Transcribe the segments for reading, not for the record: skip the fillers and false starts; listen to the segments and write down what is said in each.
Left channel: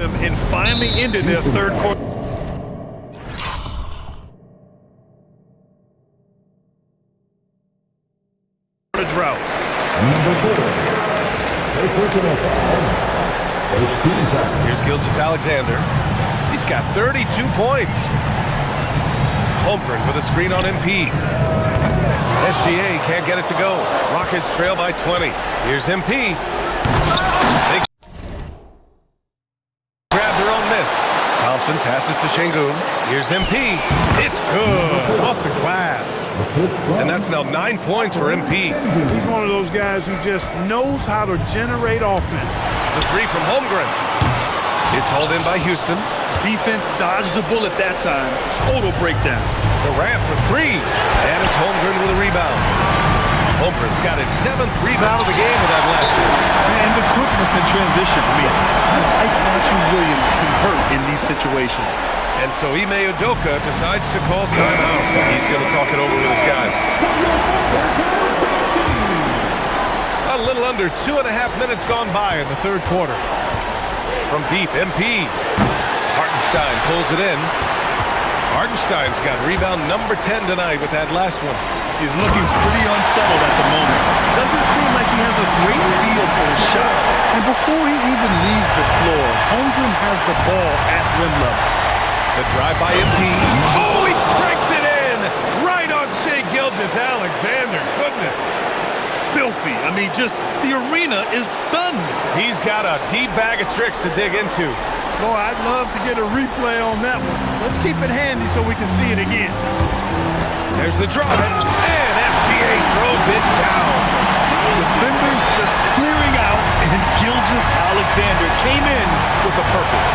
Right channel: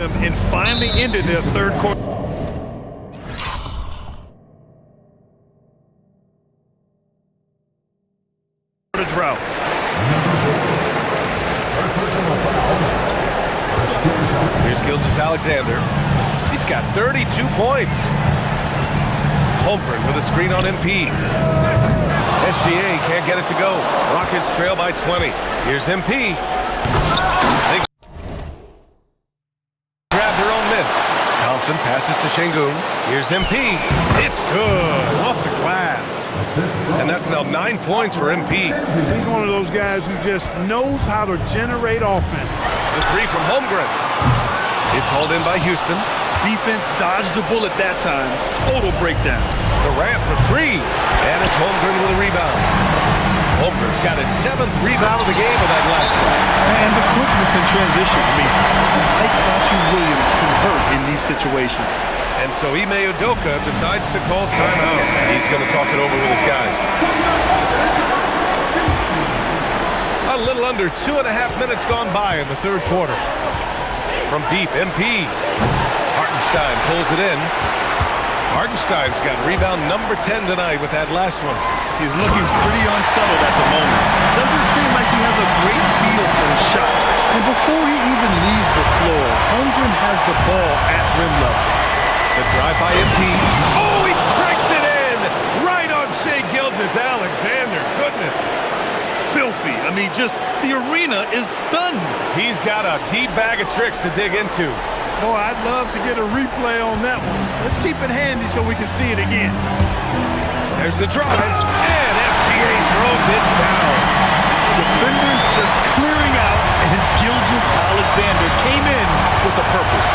And finally ended their third quarter. Drought. Here's Gilgeous-Alexander. He's got 32 points. Holmgren with a screen on MP. SGA can't get it to go. Rockets trail by 20. Here's MP. They grab their own miss. Thompson passes to Şengün. Here's MP. It's good. Off the glass. And that's now 9 points for MP. He's one of those guys who just knows how to generate offense. The three from Holmgren. It's hauled in by Houston. Defense dodged the bullet that time. Total breakdown. Durant for three. And it's Holmgren with a rebound. Holmgren's got his 7th rebound of the game with that last one. And the quickness in transition. I mean, I like watching Williams convert in these situations. And so Ime Udoka decides to call timeout. He's going to talk it over with his guys. A little under 2.5 minutes gone by in the third quarter. From deep, MP. Hartenstein pulls it in. Hartenstein's got rebound number 10 tonight with that last one. He's looking pretty unsettled at the moment. Doesn't seem like he has a great feel for his shot. And before he even leaves the floor, Holmgren has the ball at rim level. The drive by MP. Oh, he cranks it in! Right on Shai Gilgeous-Alexander. Goodness. Filthy. I mean, just the arena is stunned. He's got a deep bag of tricks to dig into. Boy, I'd love to get a replay on that one. Let's keep it handy so we can see it again. There's the drive, and SGA throws it down. Defenders just clearing out, and Gilgeous-Alexander came in with a purpose.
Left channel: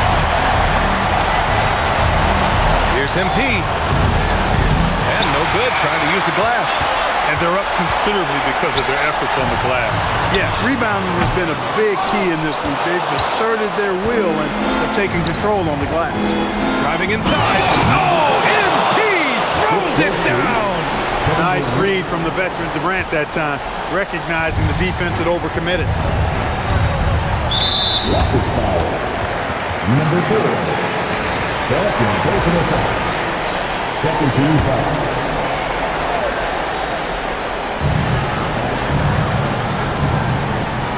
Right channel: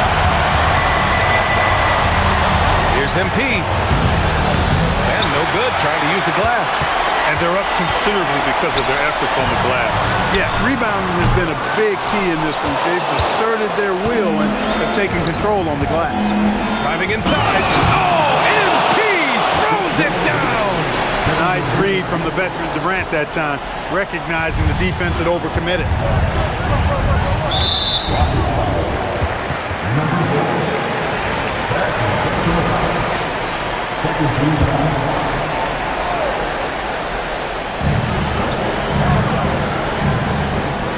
Here's MP. And no good, trying to use the glass. And they're up considerably because of their efforts on the glass. Yeah, rebounding has been a big key in this one. They've asserted their will and have taken control on the glass. Driving inside. Oh, MP throws it down. Nice read from the veteran Durant that time, recognizing the defense had overcommitted. Rockets foul. Number 4. Second personal foul. Second team foul.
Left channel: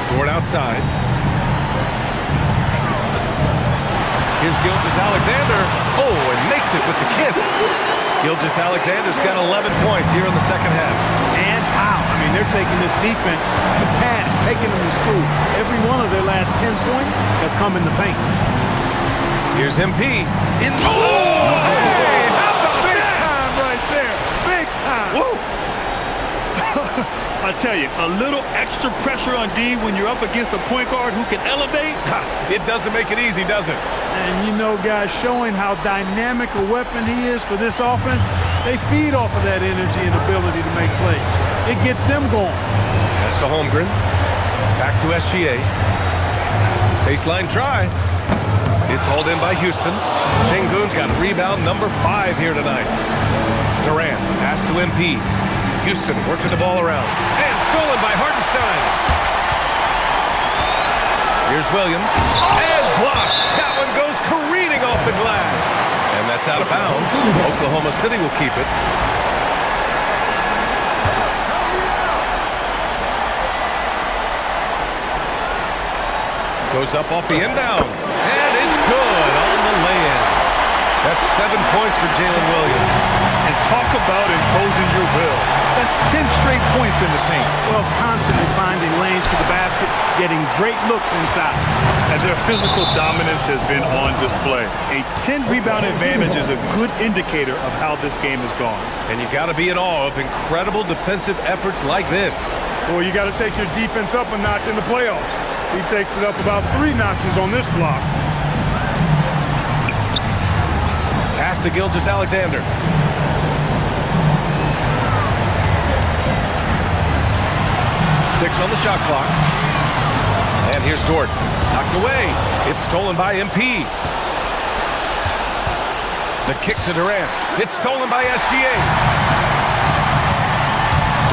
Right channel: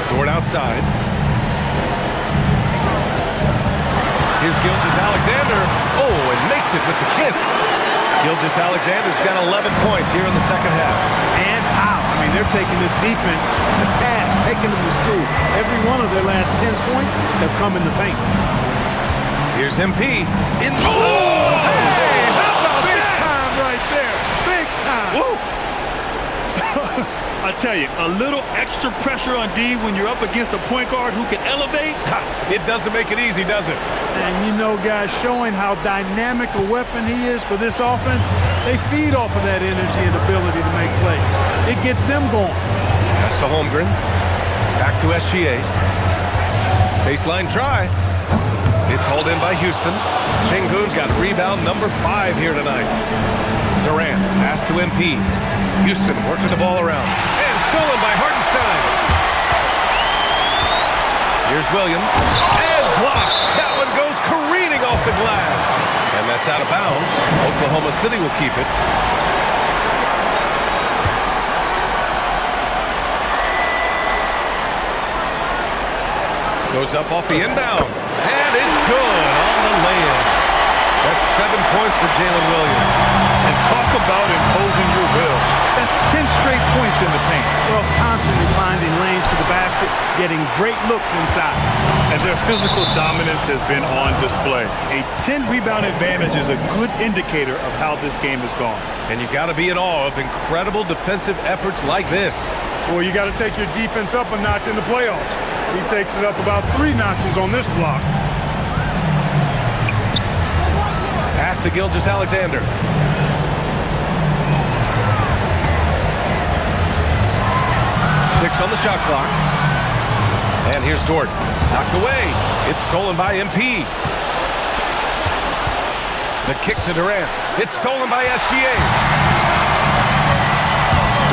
Dort outside. Here's Gilgeous-Alexander. Oh, and makes it with the kiss. Gilgeous-Alexander's got 11 points here in the second half. And how? I mean, they're taking this defense to task, taking them to school. Every one of their last 10 points have come in the paint. Here's MP. Oh, hey, how about Big that? time right there. Big time. Whoa! I tell you, a little extra pressure on D when you're up against a point guard who can elevate. It doesn't make it easy, does it? And you know, guys, showing how dynamic a weapon he is for this offense, they feed off of that energy and ability to make plays. It gets them going. Pass to Holmgren. Back to SGA. Baseline try. It's hauled in by Houston. Şengün's got rebound number 5 here tonight. Durant, pass to MP. Houston working the ball around. And stolen by Hartenstein. Here's Williams. And blocked. That one goes careening off the glass. And that's out of bounds. Oklahoma City will keep it. Goes up off the inbound. And it's good on the lay-in. That's 7 points for Jalen Williams. And talk about imposing your will. That's 10 straight points in the paint. Well, constantly finding lanes to the basket, getting great looks inside. And their physical dominance has been on display. A 10-rebound advantage is a good indicator of how this game has gone. And you got to be in awe of incredible defensive efforts like this. Well, you got to take your defense up a notch in the playoffs. He takes it up about 3 notches on this block. Pass to Gilgeous-Alexander. Six on the shot clock. And here's Dort. Knocked away. It's stolen by MP. The kick to Durant. It's stolen by SGA.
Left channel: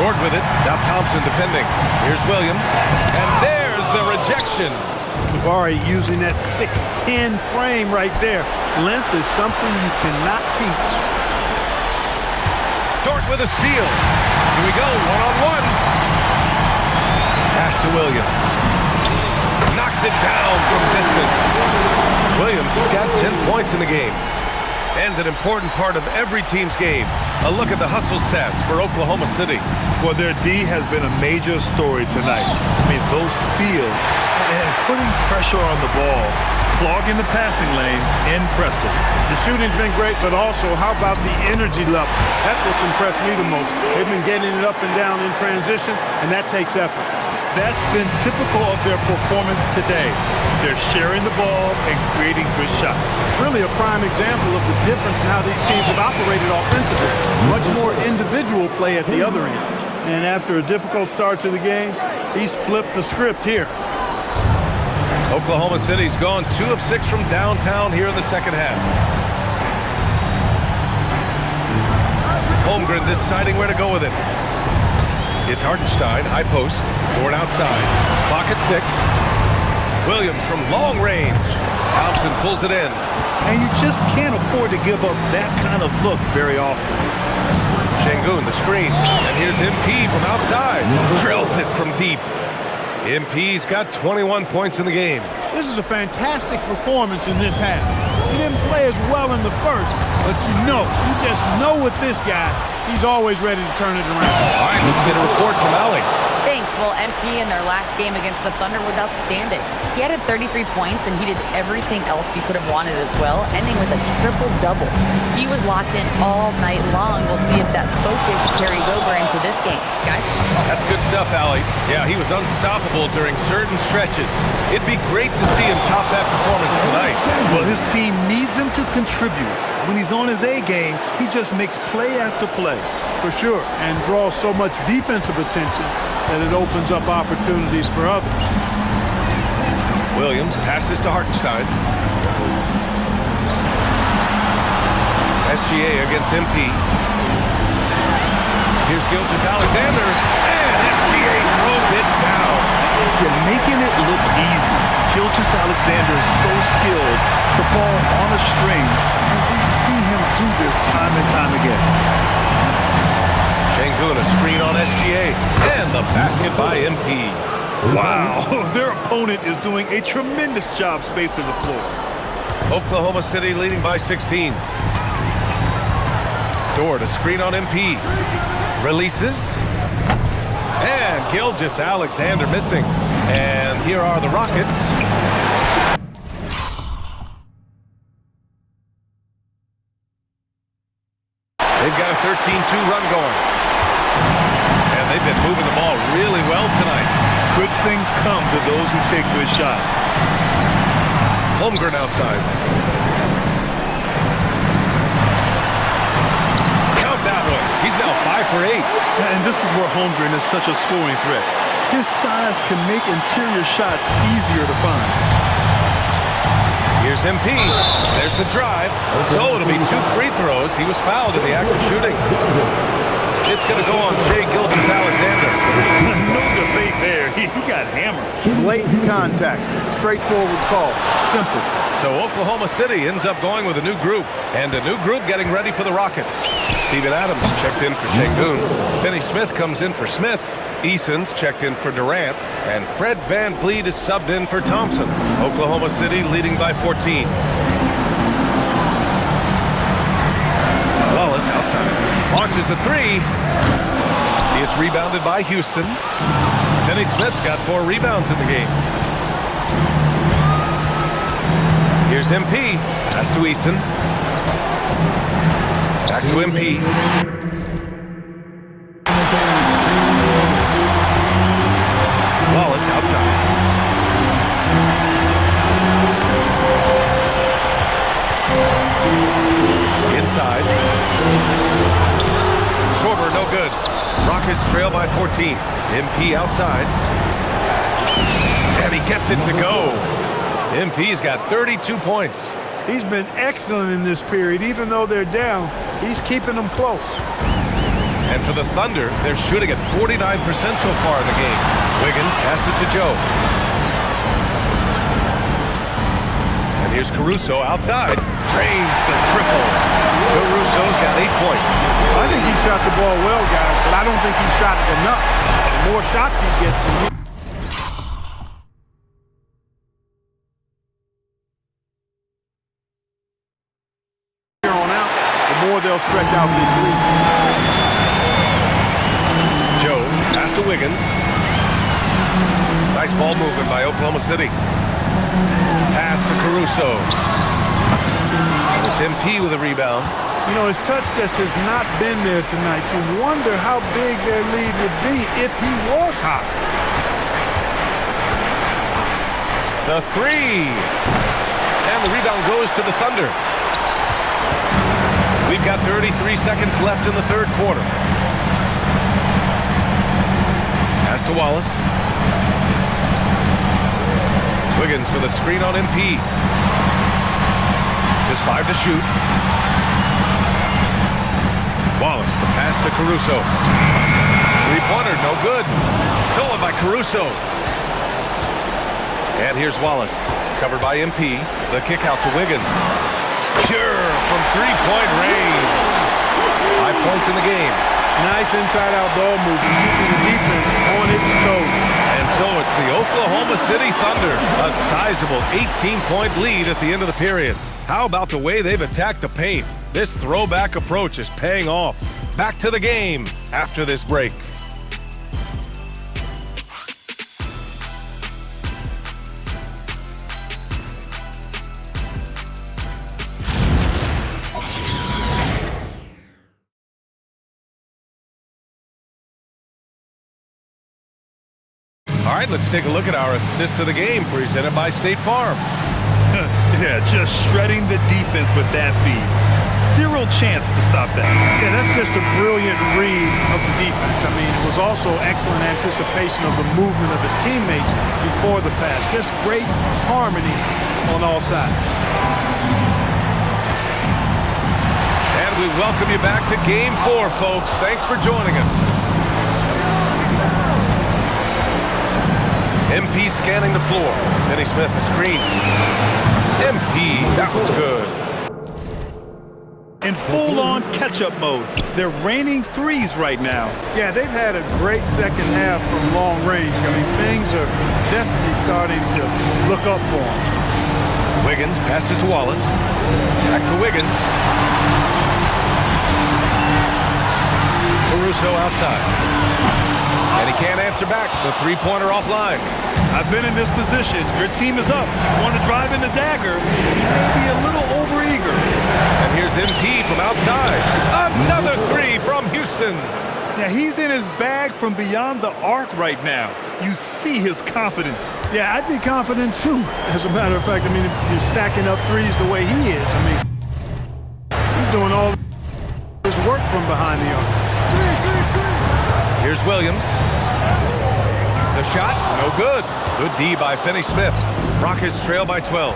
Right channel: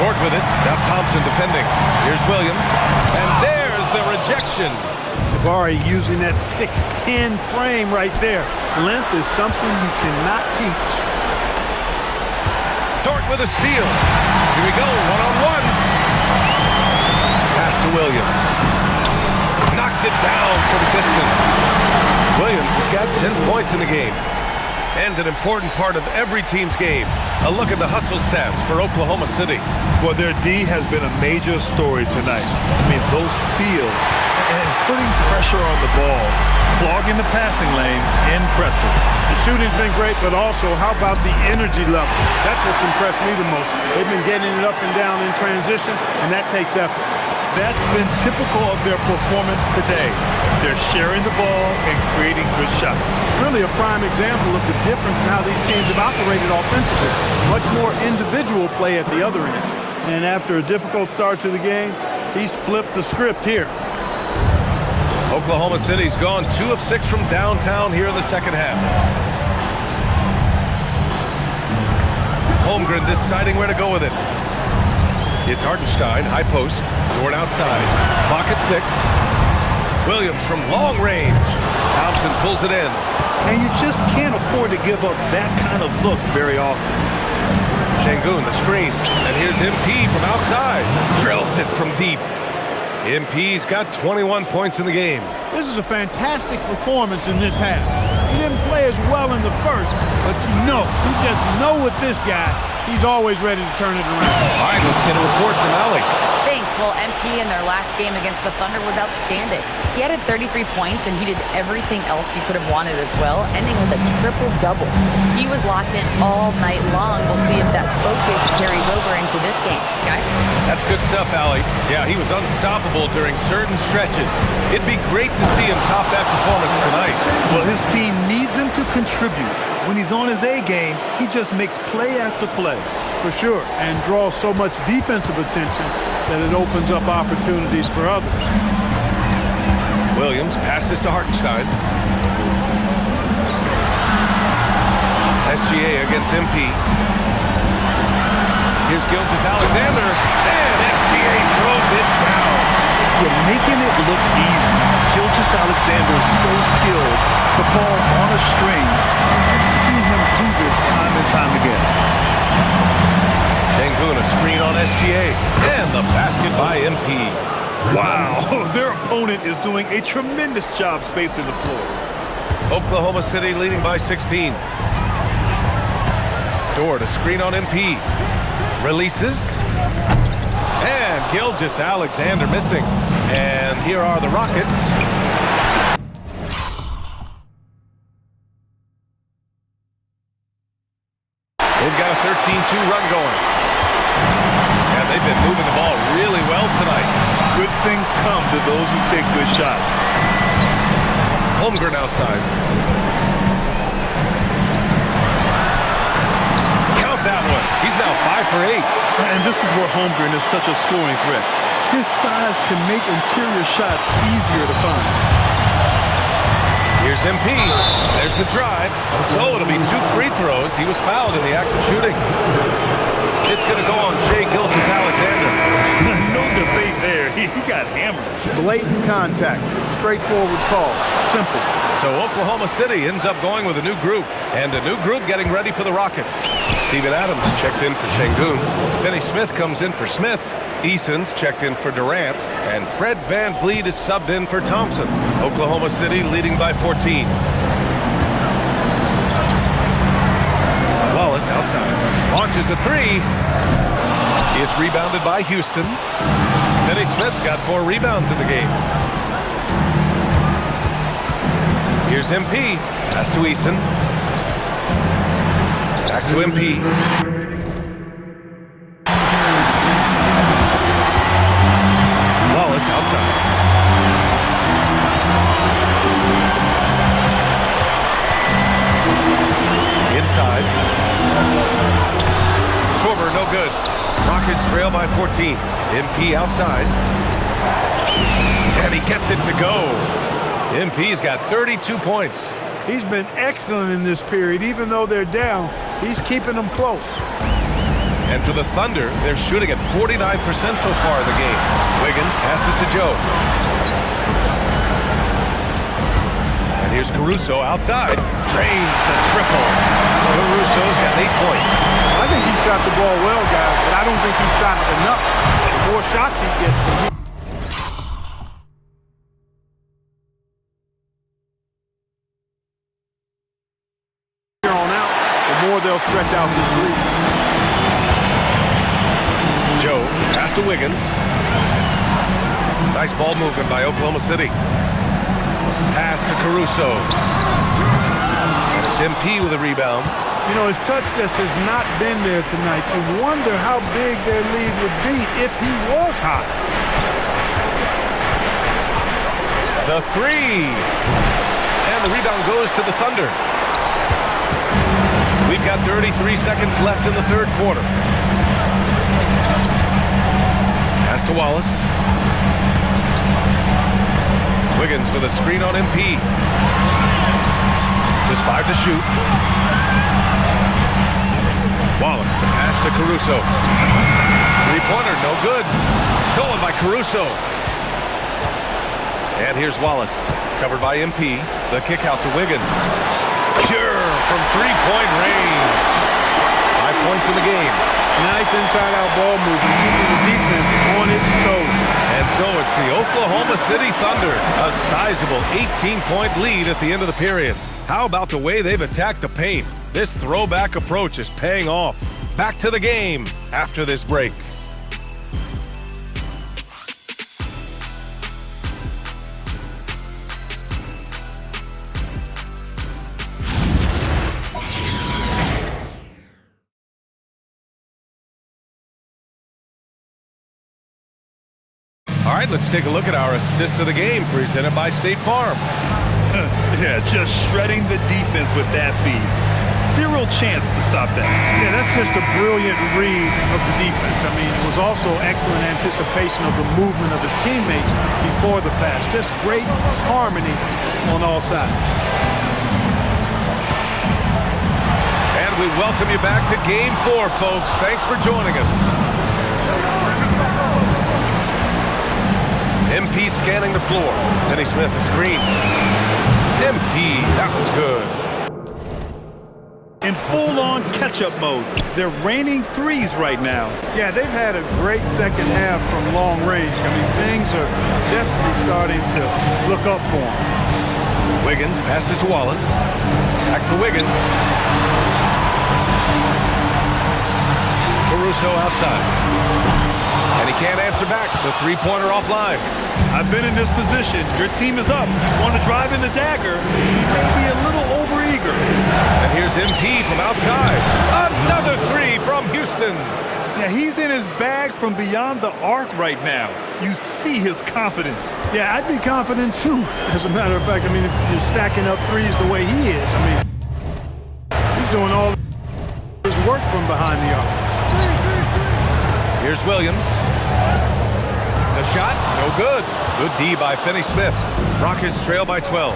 Dort with it. Now Thompson defending. Here's Williams. And there's the rejection. The Jabari using that 6'10" frame right there. Length is something you cannot teach. Dort with a steal. Here we go, one-on-one. Pass to Williams. Knocks it down from distance. Williams has got 10 points in the game. And an important part of every team's game. A look at the hustle stats for Oklahoma City. Well, their D has been a major story tonight. I mean, those steals and putting pressure on the ball, clogging the passing lanes, impressive. The shooting's been great, but also how about the energy level? That's what's impressed me the most. They've been getting it up and down in transition, and that takes effort. That's been typical of their performance today. They're sharing the ball and creating good shots. Really a prime example of the difference in how these teams have operated offensively. Much more individual play at the other end. And after a difficult start to the game, he's flipped the script here. Oklahoma City's gone 2 of 6 from downtown here in the second half. Holmgren deciding where to go with it. It's Hartenstein, high post. Dort outside. Clock at 6. Williams from long range. Thompson pulls it in. And you just can't afford to give up that kind of look very often. Şengün, the screen. And here's MP from outside. Drills it from deep. MP's got 21 points in the game. This is a fantastic performance in this half. He didn't play as well in the first, but you just know with this guy, he's always ready to turn it around. All right, let's get a report from Allie. Thanks. Well, MP in their last game against the Thunder was outstanding. He added 33 points, and he did everything else you could have wanted as well, ending with a triple-double. He was locked in all night long. We'll see if that focus carries over into this game. Guys? That's good stuff, Allie. Yeah, he was unstoppable during certain stretches. It'd be great to see him top that performance tonight. Well, his team needs him to contribute. When he's on his A game, he just makes play after play. For sure, and draws so much defensive attention that it opens up opportunities for others. Williams passes to Hartenstein. SGA against MP. Here's Gilgeous-Alexander, and SGA throws it down. You're making it look easy. Gilgeous-Alexander is so skilled, the ball on a string, and we see him do this time and time again. Şengün, a screen on SGA, and the basket by MP. Wow, their opponent is doing a tremendous job spacing the floor. Oklahoma City leading by 16. Dort, a screen on MP. Releases. And Gilgeous-Alexander missing. And here are the Rockets. They've got a 13-2 run going. And they've been moving the ball really well tonight. Good things come to those who take good shots. Holmgren outside. Count that one. He's now 5 for 8. And this is where Holmgren is such a scoring threat. His size can make interior shots easier to find. Here's MP. There's the drive. So it'll be 2 free throws. He was fouled in the act of shooting. It's going to go on Shai Gilgeous-Alexander. No debate there. He got hammered. Blatant contact. Straightforward call. Simple. So Oklahoma City ends up going with a new group. And a new group getting ready for the Rockets. Steven Adams checked in for Şengün. Finney Smith comes in for Smith. Eason's checked in for Durant. And Fred VanVleet is subbed in for Thompson. Oklahoma City leading by 14. Wallace outside. Launches a 3. It's rebounded by Houston. Finney Smith's got 4 rebounds in the game. Here's MP. Pass to Eason. Back to MP. Wallace outside. Inside. Schwarber, no good. Rockets trail by 14. MP outside. And he gets it to go. MP's got 32 points. He's been excellent in this period. Even though they're down, he's keeping them close. And for the Thunder, they're shooting at 49% so far in the game. Wiggins passes to Joe. here's Caruso outside. Drains the triple. Caruso's got 8 points. I think he shot the ball well, guys, but I don't think he shot it enough. The more shots he gets from here on out, the more they'll stretch out this lead. Joe, pass to Wiggins. Nice ball movement by Oklahoma City. Pass to Caruso. And it's MP with a rebound. You know, his touch just has not been there tonight. You wonder how big their lead would be if he was hot. The three. And the rebound goes to the Thunder. We've got 33 seconds left in the third quarter. Pass to Wallace. Wiggins with a screen on MP. Just 5 to shoot. Wallace, the pass to Caruso. Three-pointer, no good. Stolen by Caruso. And here's Wallace, covered by MP. The kick out to Wiggins. Pure from three-point range. 5 points in the game. Nice inside-out ball movement, keeping the defense on its toes. And so it's the Oklahoma City Thunder, a sizable 18-point lead at the end of the period. How about the way they've attacked the paint? This throwback approach is paying off. Back to the game after this break. All right, let's take a look at our assist of the game presented by State Farm. Yeah, just shredding the defense with that feed. Zero chance to stop that. Yeah, that's just a brilliant read of the defense. I mean, it was also excellent anticipation of the movement of his teammates before the pass. Just great harmony on all sides. And we welcome you back to Game 4, folks. Thanks for joining us. MP scanning the floor. Denny Smith, a screen. MP, that was good. In full-on catch-up mode. They're raining threes right now. Yeah, they've had a great second half from long range. I mean, things are definitely starting to look up for them. Wiggins passes to Wallace. Back to Wiggins. Caruso outside. And he can't answer back. The three-pointer offline. I've been in this position. Your team is up. You want to drive in the dagger. He may be a little overeager. And here's MP from outside. Another three from Houston. Yeah, he's in his bag from beyond the arc right now. You see his confidence. Yeah, I'd be confident too. As a matter of fact, I mean, if you're stacking up threes the way he is, I mean, he's doing all his work from behind the arc. Here's Williams. The shot, no good. Good D by Finney-Smith. Rockets trail by 12.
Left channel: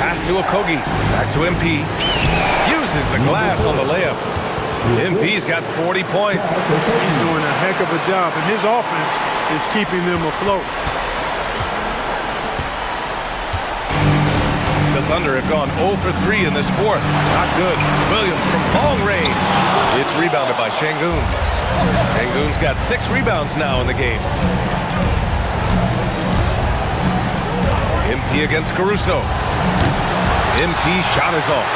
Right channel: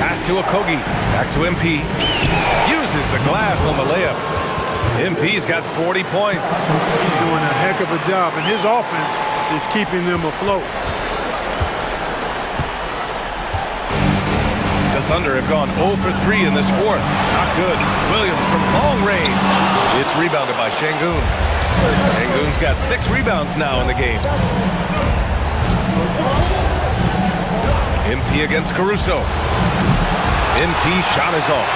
Pass to Okogie. Back to MP. Uses the glass on the layup. MP's got 40 points. He's doing a heck of a job, and his offense is keeping them afloat. The Thunder have gone 0 for 3 in this fourth. Not good. Williams from long range. It's rebounded by Şengün. Şengün's got 6 rebounds now in the game. MP against Caruso. MP shot is off.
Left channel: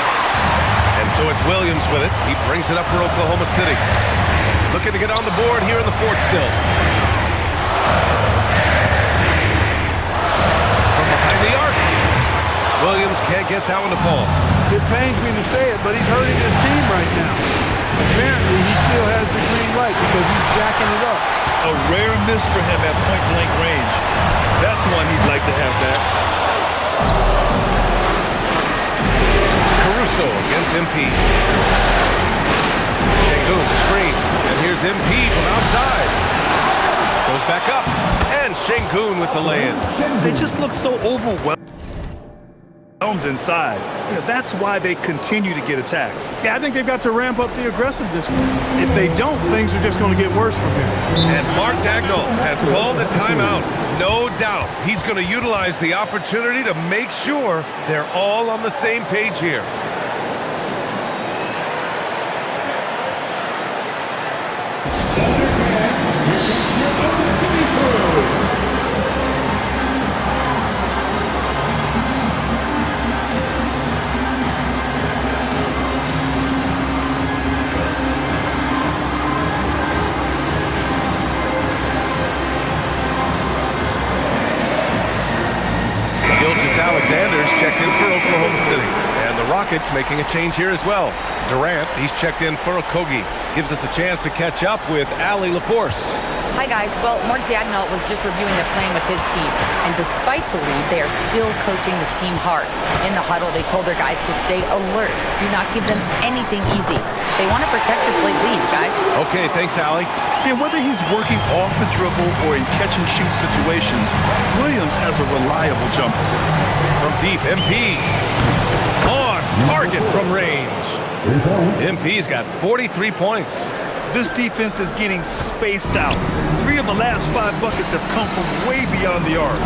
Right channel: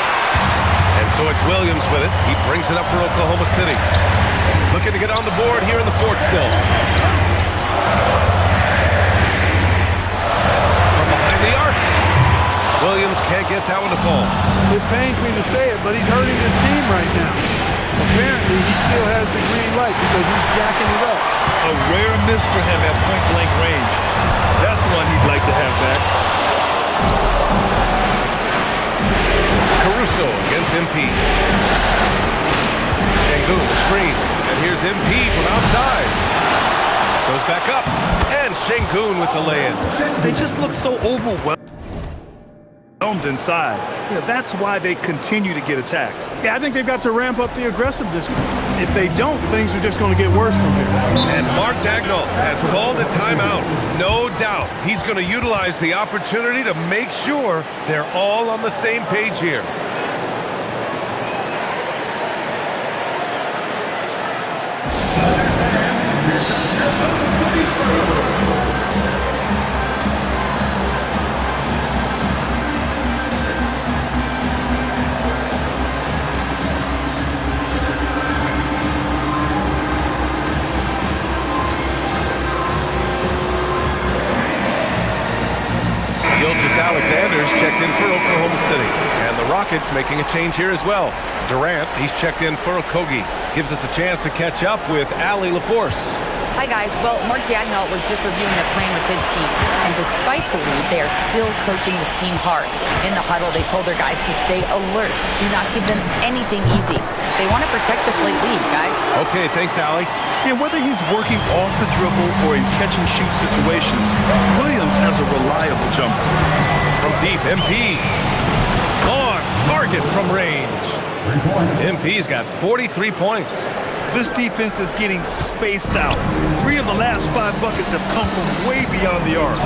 And so it's Williams with it. He brings it up for Oklahoma City. Looking to get on the board here in the fourth still. From behind the arc. Williams can't get that one to fall. It pains me to say it, but he's hurting his team right now. Apparently, he still has the green light because he's jacking it up. A rare miss for him at point-blank range. That's one he'd like to have back. Caruso against MP. Şengün, the screen. And here's MP from outside. Goes back up. And Şengün with the lay-in. They just look so overwhelmed. inside. That's why they continue to get attacked. Yeah, I think they've got to ramp up the aggressiveness. If they don't, things are just going to get worse from here. And Mark Daigneault has called a timeout. No doubt he's going to utilize the opportunity to make sure they're all on the same page here. Gilgeous-Alexander's checked in for Oklahoma City. And the Rockets making a change here as well. Durant, he's checked in for Okogie. Gives us a chance to catch up with Allie LaForce. Hi, guys. Well, Mark Daigneault was just reviewing the plan with his team. And despite the lead, they are still coaching this team hard. In the huddle, they told their guys to stay alert. Do not give them anything easy. They want to protect this late lead, guys. Okay, thanks, Allie. And whether he's working off the dribble or in catch-and-shoot situations, Williams has a reliable jumper. From deep, MP. On target from range. 3 points. MP's got 43 points. This defense is getting spaced out. 3 of the last 5 buckets have come from way beyond the arc.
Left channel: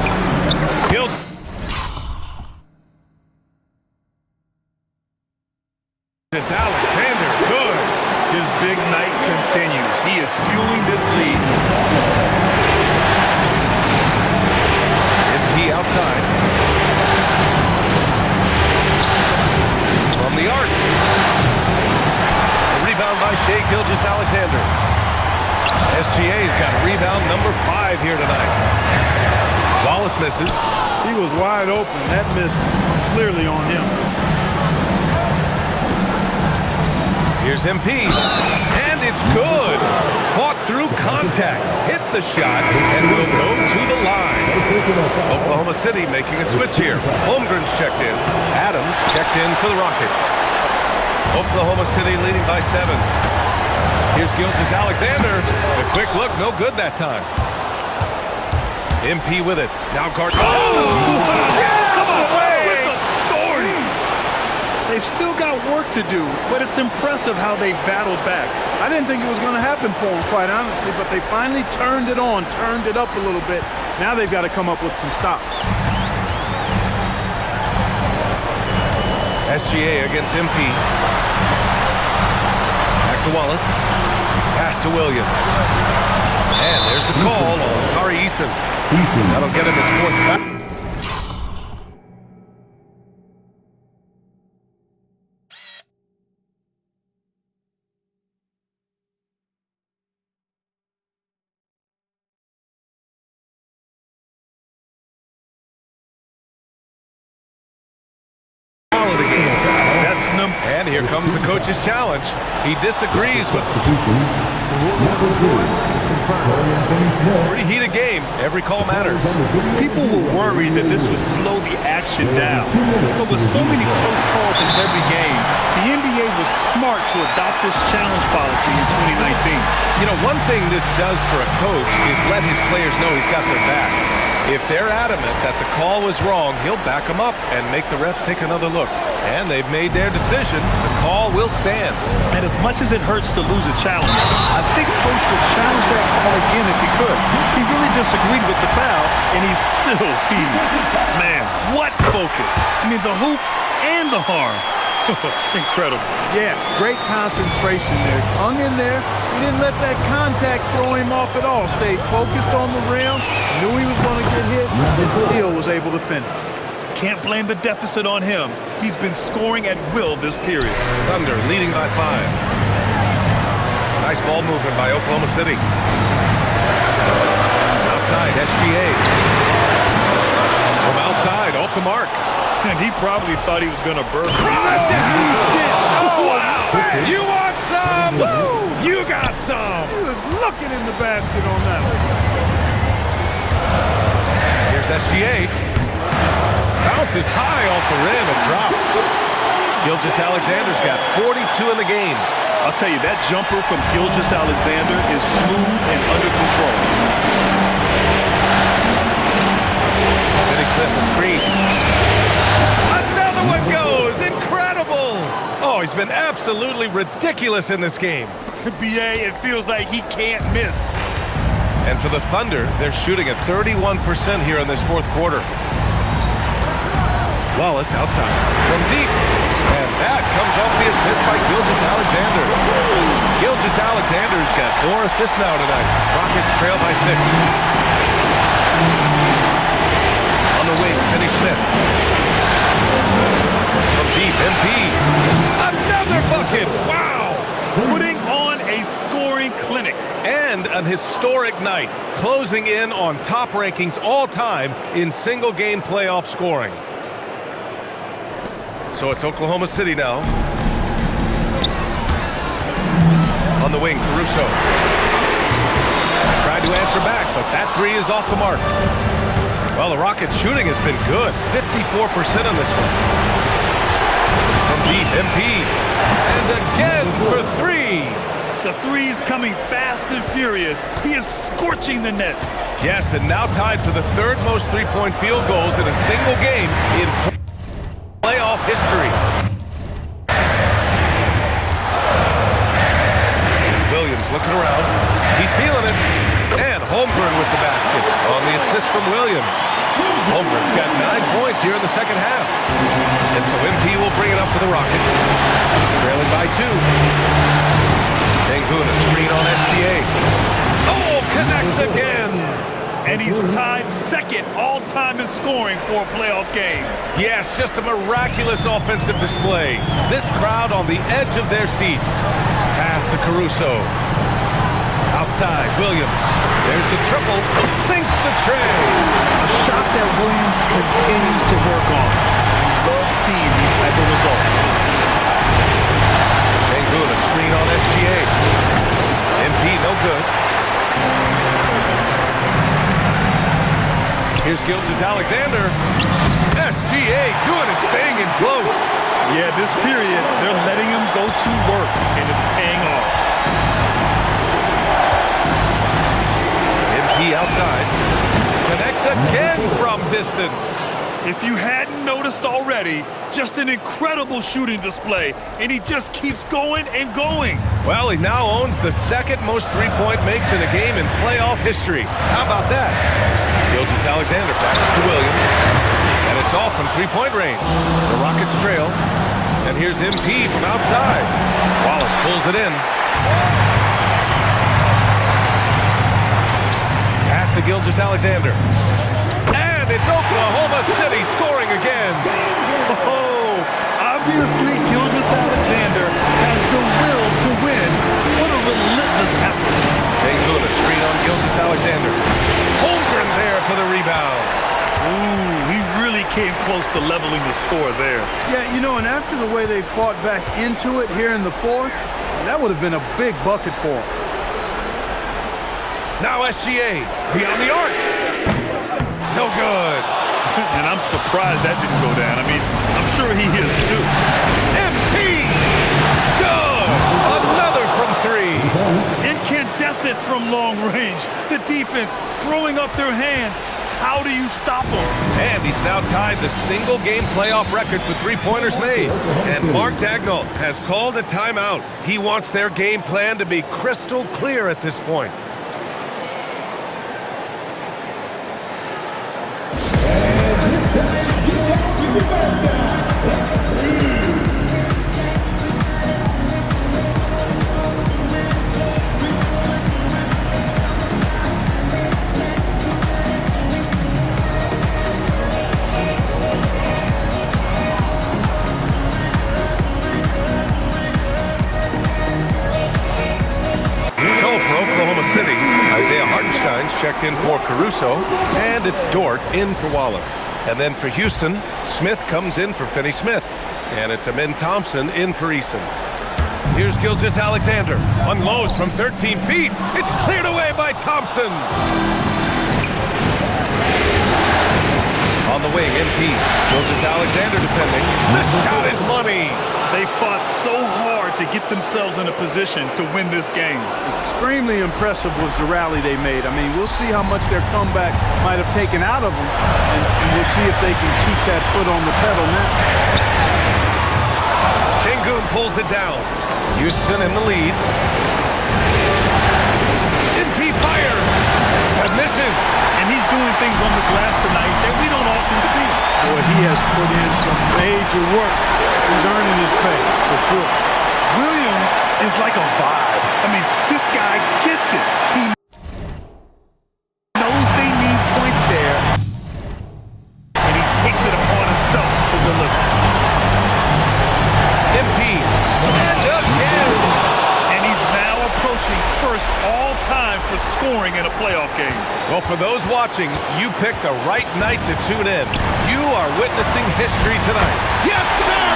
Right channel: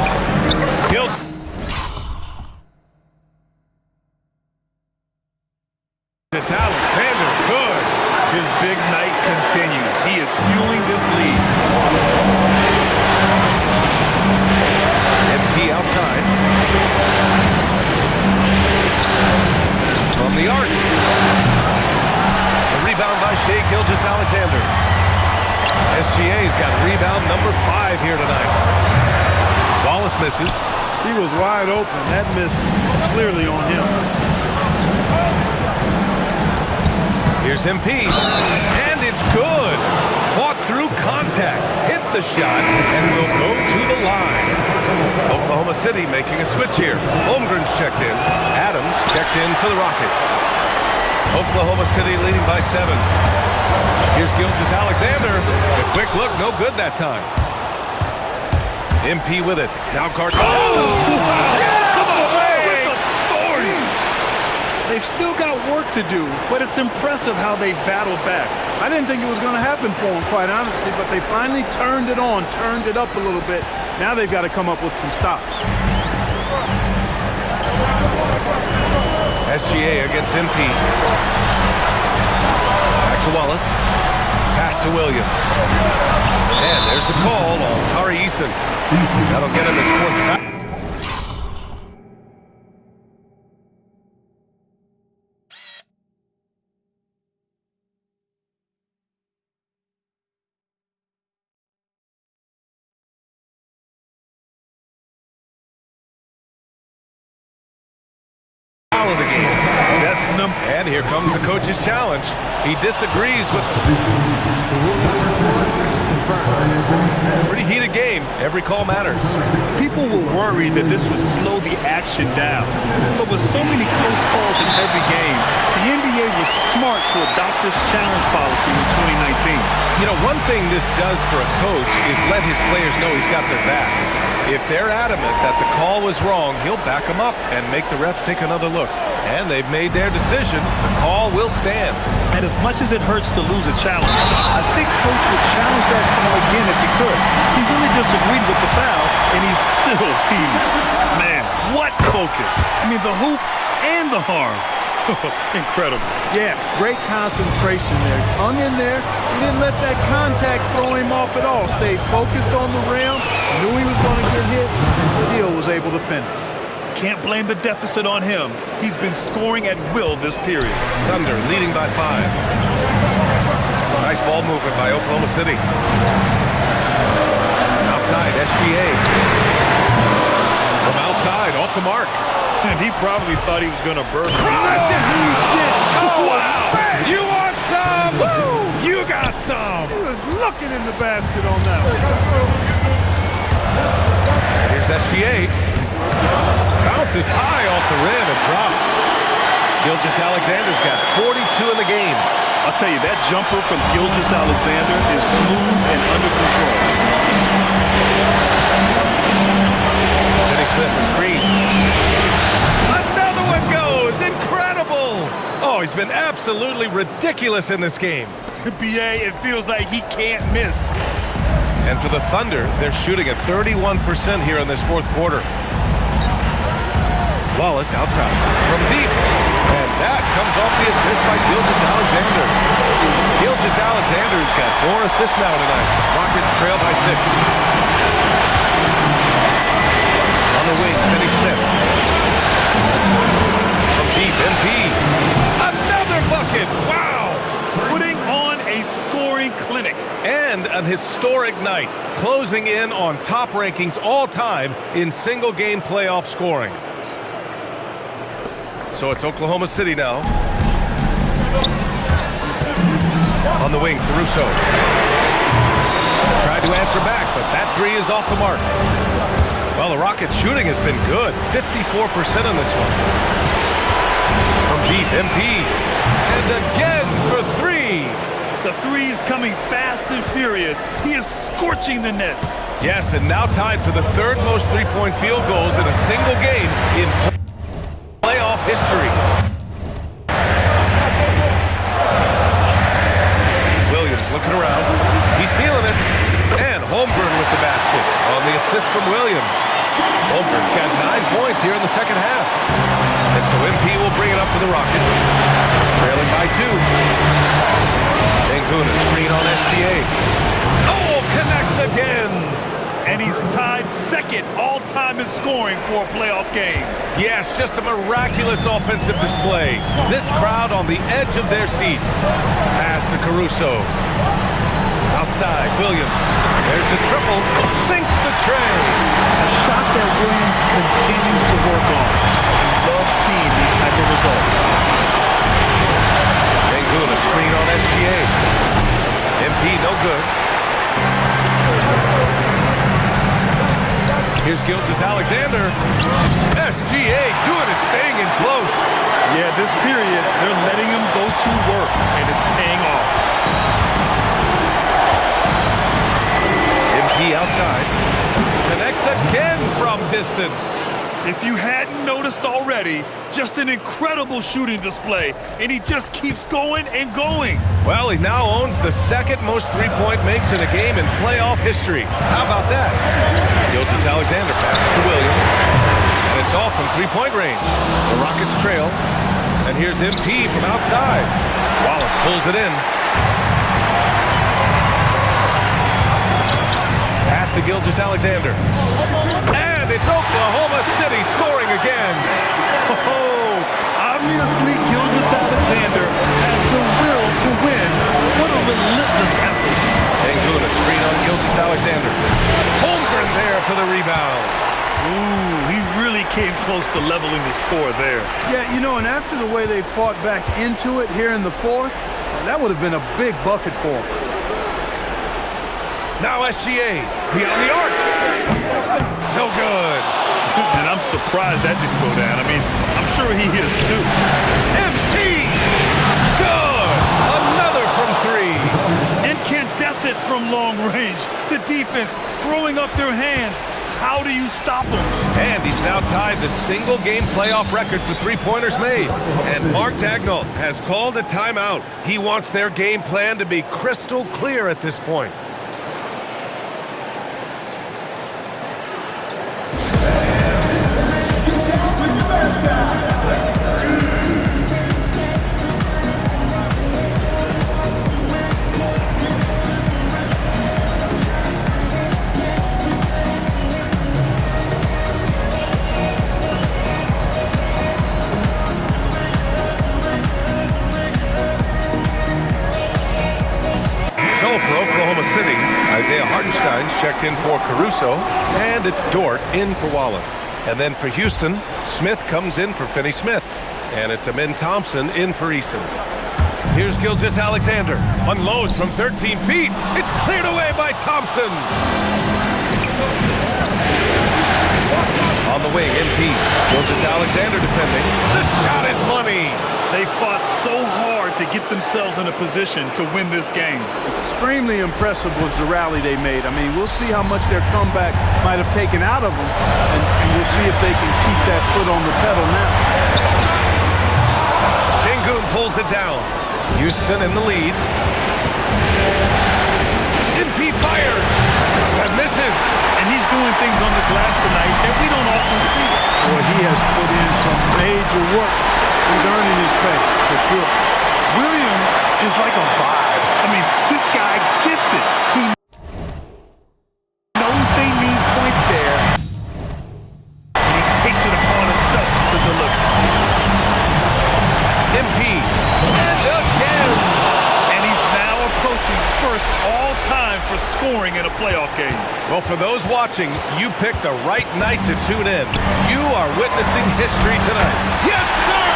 Gilgeous-Alexander, good. His big night continues. He is fueling this lead. MP outside. From the arc. The rebound by Shai Gilgeous-Alexander. SGA's got rebound number 5 here tonight. Wallace misses. He was wide open. That miss clearly on him. Here's MP, and it's good. Fought through contact, hit the shot, and will go to the line. Oklahoma City making a switch here. Holmgren's checked in. Adams checked in for the Rockets. Oklahoma City leading by 7. Here's Gilgeous-Alexander. The quick look, no good that time. MP with it. Now guard. Come away with authority. They've still got work to do, but it's impressive how they've battled back. I didn't think it was going to happen for them, quite honestly, but they finally turned it on, turned it up a little bit. Now they've got to come up with some stops. SGA against MP. Back to Wallace. Pass to Williams. And there's the call on Tari Eason. That'll get him his 4th foul. Of the game. That's number. And here comes the coach's challenge. He disagrees with The rule number 3 is confirmed. pretty heated game. Every call matters. People were worried that this would slow the action down. But with so many close calls in every game, the NBA was smart to adopt this challenge policy in 2019. You know, one thing this does for a coach is let his players know he's got their back. If they're adamant that the call was wrong, he'll back them up and make the refs take another look. And they've made their decision. The call will stand. And as much as it hurts to lose a challenge, I think Coach would challenge that call again if he could. He really disagreed with the foul, and he's still peeved. Man, what focus. I mean, the hoop and the harm. Incredible. Yeah, great concentration there. Hung in there. He didn't let that contact throw him off at all. Stayed focused on the rim, knew he was going to get hit, and still was able to finish. Can't blame the deficit on him. He's been scoring at will this period. Thunder leading by 5. Nice ball movement by Oklahoma City. Outside, SGA. From outside, off the mark. And he probably thought he was going to burst. Oh, wow! You want some? Woo! You got some! He was looking in the basket on that one. Here's SGA. Bounces high off the rim and drops. Gilgeous-Alexander's got 42 in the game. I'll tell you, that jumper from Gilgeous-Alexander is smooth and under control. Finney Smith, the screen. Another he's been absolutely ridiculous in this game. BA, it feels like he can't miss. And for the Thunder, they're shooting at 31% here in this fourth quarter. Wallace outside from deep. And that comes off the assist by Gilgeous-Alexander. Gilgeous-Alexander's got 4 assists now tonight. Rockets trail by 6. On the wing, Finney-Smith. From deep, MP. Another bucket! Wow! Putting on a scoring clinic. And an historic night, closing in on top rankings all time in single-game playoff scoring. So it's Oklahoma City now. On the wing, Caruso. Tried to answer back, but that 3 is off the mark. Well, the Rockets' shooting has been good. 54% on this one. From deep, MP. And again for 3. The three's coming fast and furious. He is scorching the Nets. Yes, and now tied for the 3rd most three-point field goals in a single game in playoff history. Williams looking around. He's feeling it. And Holmgren with the basket on the assist from Williams. Holmgren's got 9 points here in the second half. And so MP will bring it up for the Rockets. Trailing by 2. Sengun, a screen on SGA. Oh, connects again. And he's tied 2nd all-time in scoring for a playoff game. Yes, just a miraculous offensive display. This crowd on the edge of their seats. Pass to Caruso. Outside, Williams. There's the triple. Sinks the tray. A shot that Williams continues to work on. We love seeing these type of results. Sengun, a screen on SGA. MP, no good. Here's Gilgeous-Alexander. SGA doing his thing in close. Yeah, this period, they're letting him go to work, and it's paying off. MP outside. Connects again from distance. If you hadn't noticed already, just an incredible shooting display, and he just keeps going and going. Well, he now owns the 2nd most three-point makes in a game in playoff history. How about that? Gilgeous-Alexander passes to Williams, and it's off from three-point range. The Rockets trail, and here's MP from outside. Wallace pulls it in. Pass to Gilgeous-Alexander. And it's Oklahoma City scoring again. Oh, obviously Gilgeous-Alexander has the will to win. What a relentless effort. Sengun, a screen on Gilgeous-Alexander. Holmgren there for the rebound. Ooh, he really came close to leveling the score there. Yeah, you know, and after the way they fought back into it here in the 4th, that would have been a big bucket for them. Now SGA beyond the arc. No good. And I'm surprised that didn't go down. I mean, I'm sure he is too. MP! Good! Another from 3. Incandescent from long range. The defense throwing up their hands. How do you stop him? And he's now tied the single-game playoff record for three-pointers made. And Mark Daigneault has called a timeout. He wants their game plan to be crystal clear at this point. For Oklahoma City, Isaiah Hartenstein's checked in for Caruso, and it's Dort in for Wallace. And then for Houston, Smith comes in for Finney-Smith, and it's Amin Thompson in for Eason. Here's Gilgeous-Alexander, unloads from 13 feet. It's cleared away by Thompson. On the wing, MP. Gilgeous-Alexander defending. The shot is money. They fought so hard to get themselves in a position to win this game. Extremely impressive was the rally they made. I mean, we'll see how much their comeback might have taken out of them, and we'll see if they can keep that foot on the pedal now. Şengün pulls it down. Houston in the lead. MP fires. That misses. And he's doing things on the glass tonight that we don't often see. Boy, he has put in some major work. He's earning his pay, for sure. Williams is like a vibe. I mean, this guy gets it. He knows they need points there, and he takes it upon himself to deliver. MP. And again. And he's now approaching first all-time for scoring in a playoff game. Well, for those watching, you picked the right night to tune in. You are witnessing history tonight. Yes, sir!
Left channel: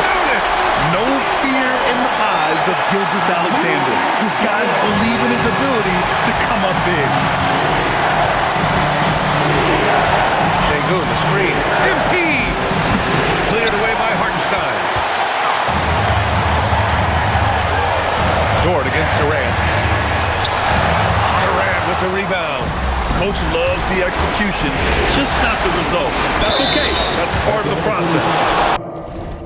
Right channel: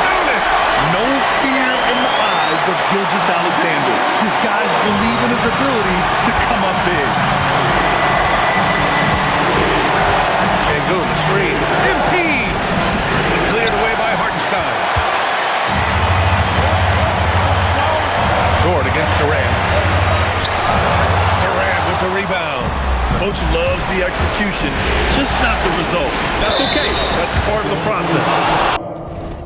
Count it! No fear in the eyes of Gilgeous-Alexander. His guys believe in his ability to come up big. Şengün, the screen. MP! Cleared away by Hartenstein. Dort against Durant. Durant with the rebound. Coach loves the execution, just not the result. That's okay. That's part of the process.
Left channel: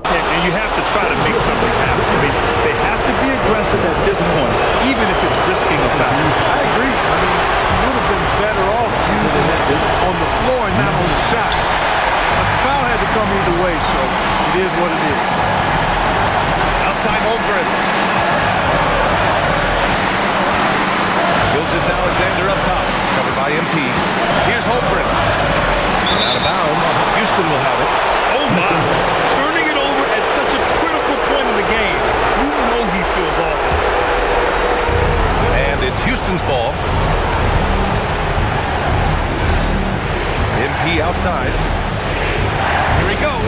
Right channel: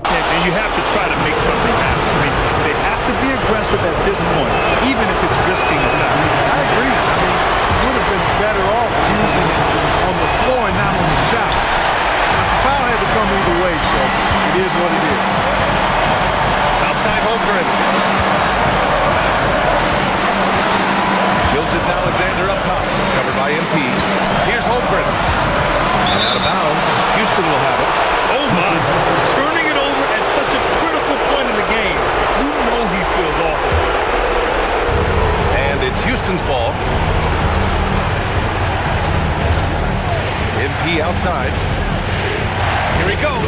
And you have to try to make something happen. I mean, they have to be aggressive at this point, even if it's risking a foul. I agree. I mean, he would have been better off using it on the floor and not on the shot. But the foul had to come either way, so it is what it is. Outside Holmgren. Gilgeous-Alexander up top, covered by MP. Here's Holmgren. And out of bounds. Houston will have it. Oh, my. Turning it over at such a critical point in the game. You know he feels awful. And it's Houston's ball. MP outside. Here he goes.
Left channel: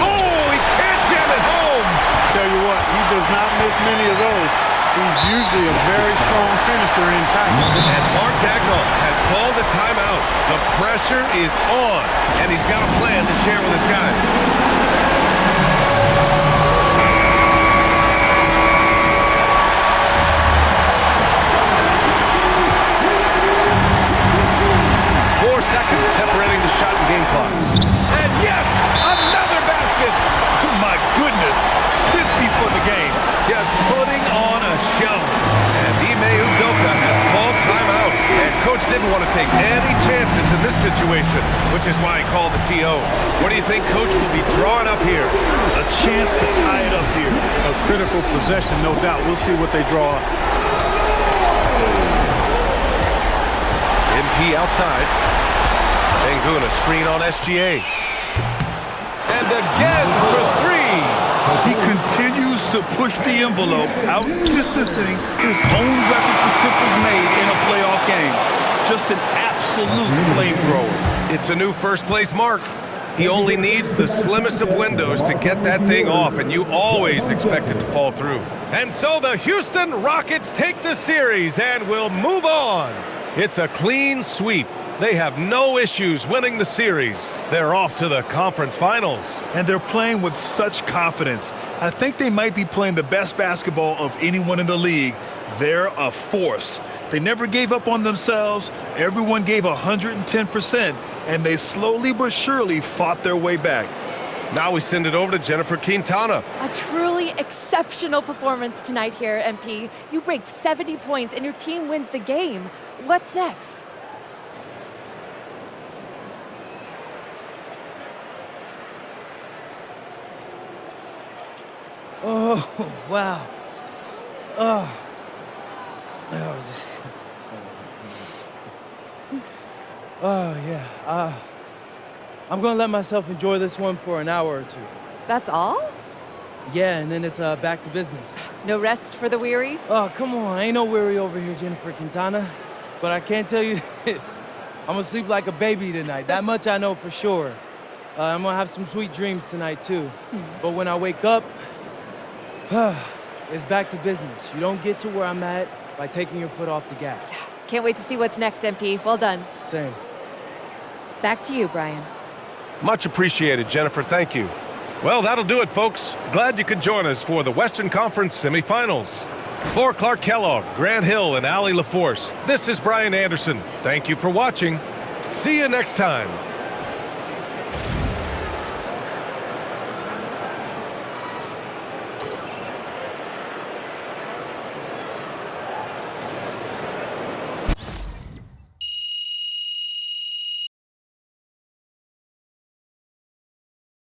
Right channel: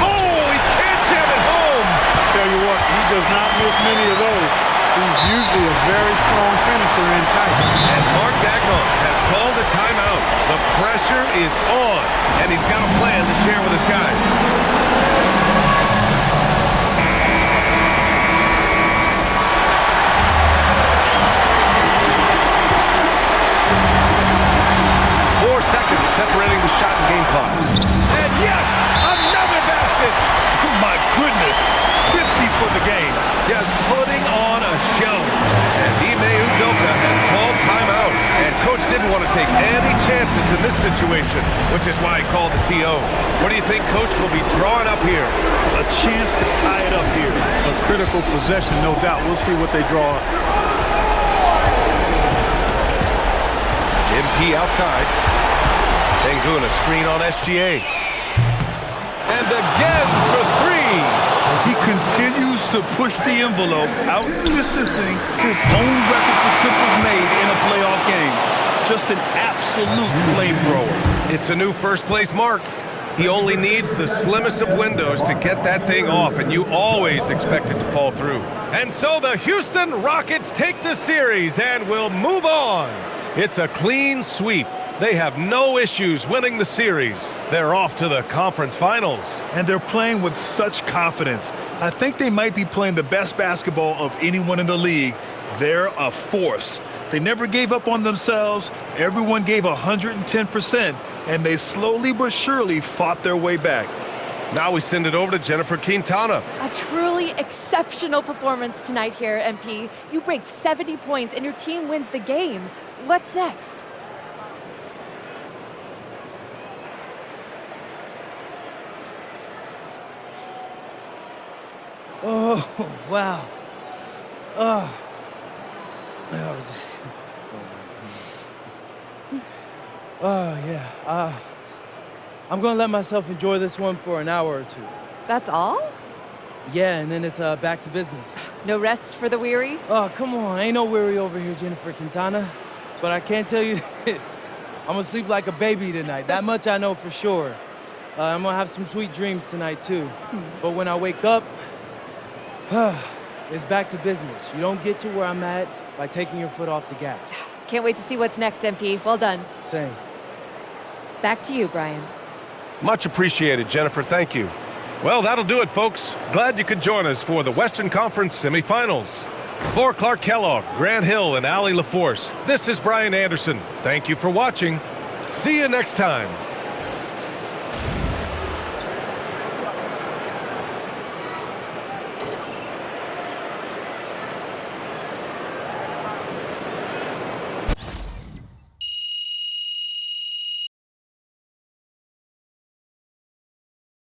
Oh, he can't jam it home. Tell you what, he does not miss many of those. He's usually a very strong finisher in tight. And Mark Daigneault has called a timeout. The pressure is on, and he's got a plan to share with his guys. Seconds separating the shot and game clocks. And yes, another basket. My goodness, 50 for the game. Just putting on a show. And Ime Udoka has called timeout. And coach didn't want to take any chances in this situation, which is why he called the TO. What do you think coach will be drawing up here? A chance to tie it up here. A critical possession, no doubt. We'll see what they draw up. MP outside. Şengün, a screen on SGA. And again for three. He continues to push the envelope, out-distancing his own record for triples made in a playoff game. Just an absolute flamethrower. It's a new first-place mark. He only needs the slimmest of windows to get that thing off, and you always expect it to fall through. And so the Houston Rockets take the series and will move on. It's a clean sweep. They have no issues winning the series. They're off to the conference finals. And they're playing with such confidence. I think they might be playing the best basketball of anyone in the league. They're a force. They never gave up on themselves. Everyone gave 110%, and they slowly but surely fought their way back. Now we send it over to Jennifer Quintana. A truly exceptional performance tonight here, MP. You break 70 points and your team wins the game. What's next? Oh, wow. Oh, yeah. I'm going to let myself enjoy this one for an hour or two. That's all? Yeah, and then it's back to business. No rest for the weary? Oh, come on. Ain't no weary over here, Jennifer Quintana. But I can't tell you this. I'm going to sleep like a baby tonight. That much I know for sure. I'm going to have some sweet dreams tonight, too. But when I wake up, it's back to business. You don't get to where I'm at by taking your foot off the gas. Can't wait to see what's next, MP. Well done. Same. Back to you, Brian. Much appreciated, Jennifer. Thank you. Well, that'll do it, folks. Glad you could join us for the Western Conference semifinals. For Clark Kellogg, Grant Hill, and Allie LaForce, this is Brian Anderson. Thank you for watching. See you next time.